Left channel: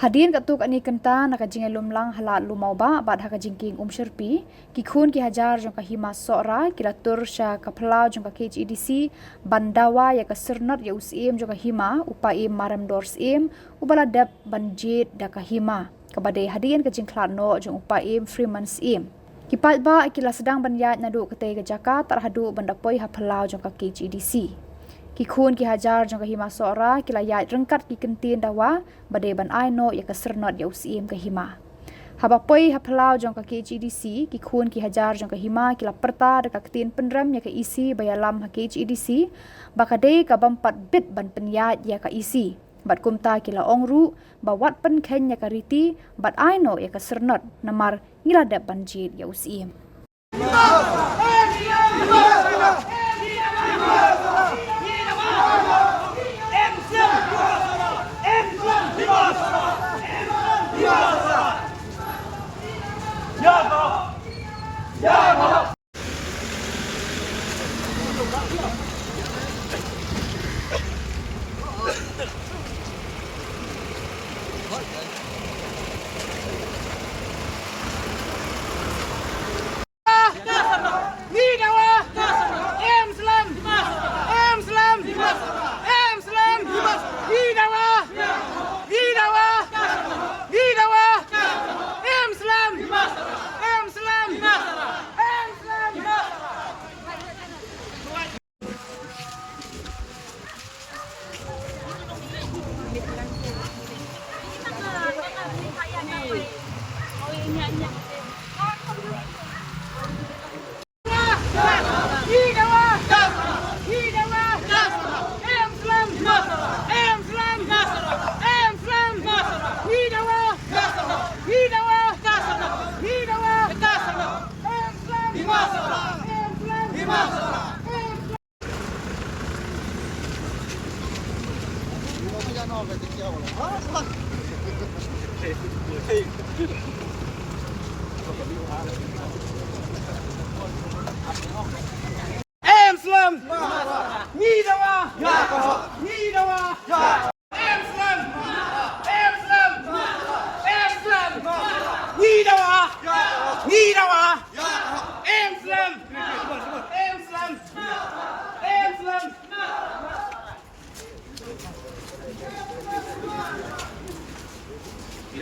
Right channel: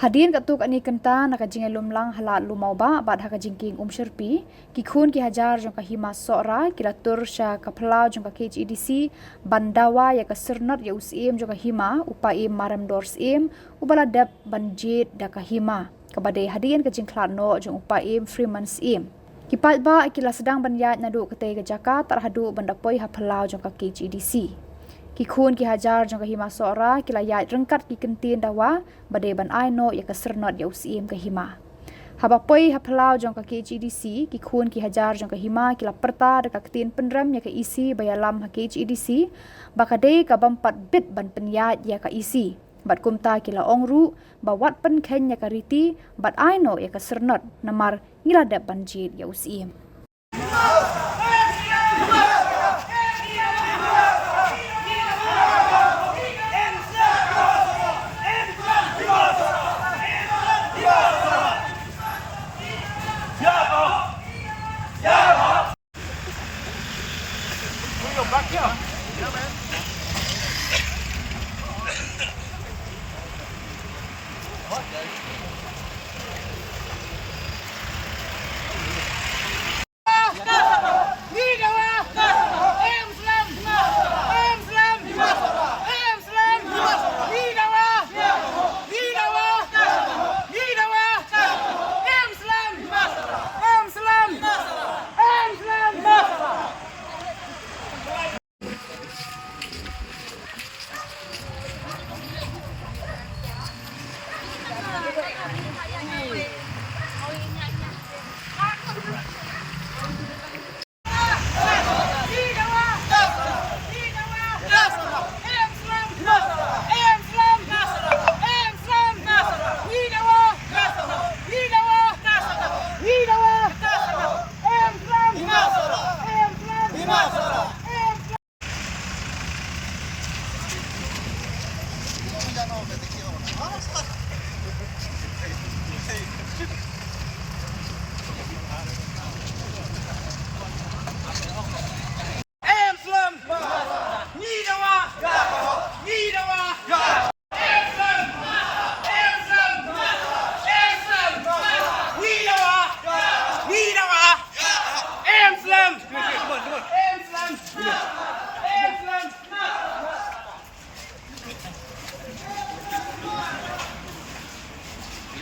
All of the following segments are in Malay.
Hadin katuk ani kenta nakajing lumlang halat lumau ba bad hakajingking sherpi ki Khun ki Hajar jong ka Hima Sohra kilatur sya kaplau jong ka KHEDC bandawa ya ka sernat ya usim jong ka Hima upai maram dors ubala dep banjit da ka Hima kabade hadin kajing klatno jong upai Freemans kipat ba akila sedang banyat nadu kete ke Jakarta terhadu bandapoi haplau jong ka KHEDC ki Khun ki Hajar jong ka Hima Sohra kila yat rengkat ki kentin dawa bade ban aino ya ka sernot ya usim ka Hima habapoi haplau jong ka KHEDC ki Khun ki Hajar jong ka Hima kila Pyrta da ka ketin penram ya ka isi Ialam ha KHEDC bakade ka bampat bit ban penyat ya ka isi bat kumta kila ongru bawat pen ken ya ka riti bat aino ya ka sernot namar ngiladap banjit ya usim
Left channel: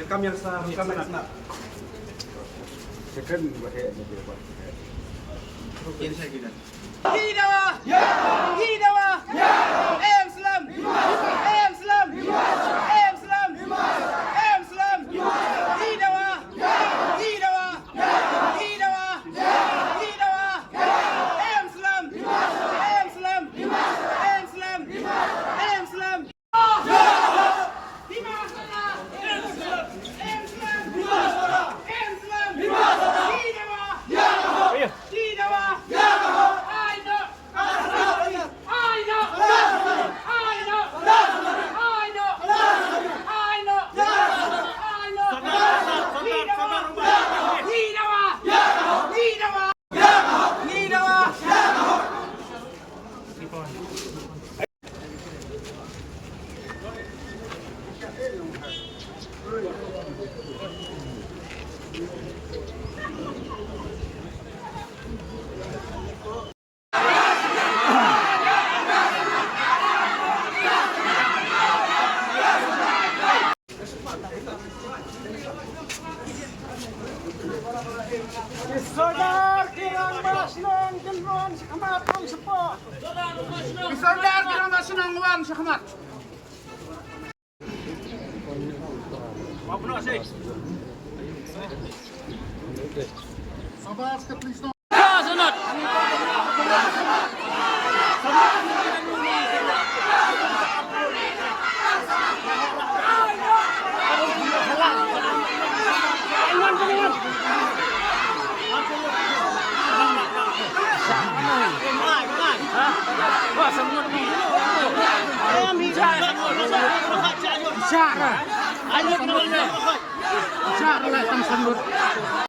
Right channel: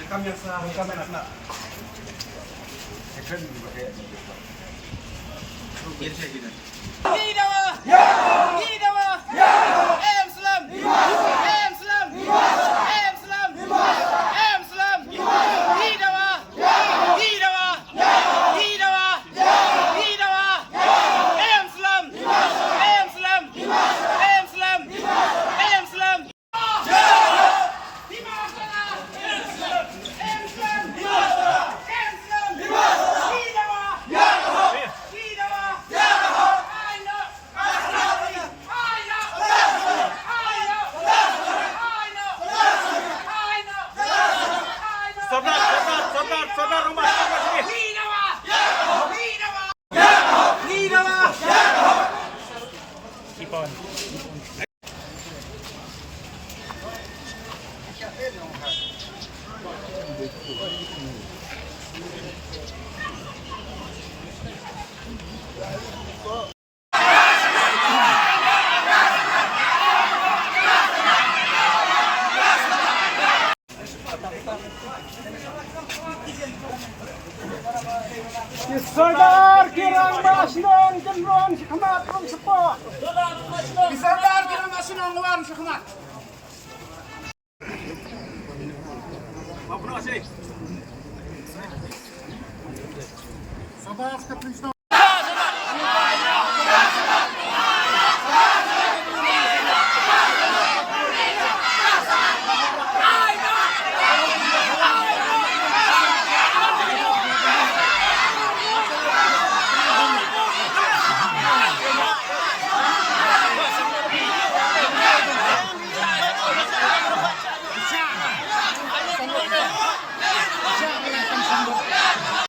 Kami yang salah, kami nak. Sekren juga kayak ni. Ini saya gini. Hidawa, hidawa, Islam, Islam, Islam, Islam, hidawa, hidawa, hidawa, hidawa, Islam, Islam, Islam, Islam. Sadar kirang masnong gendong si Khamat ng sepo. Sadar kirang masnong wan si Khamat. Mabno sih. Sadar ka please no. Siapa lah yang sambut?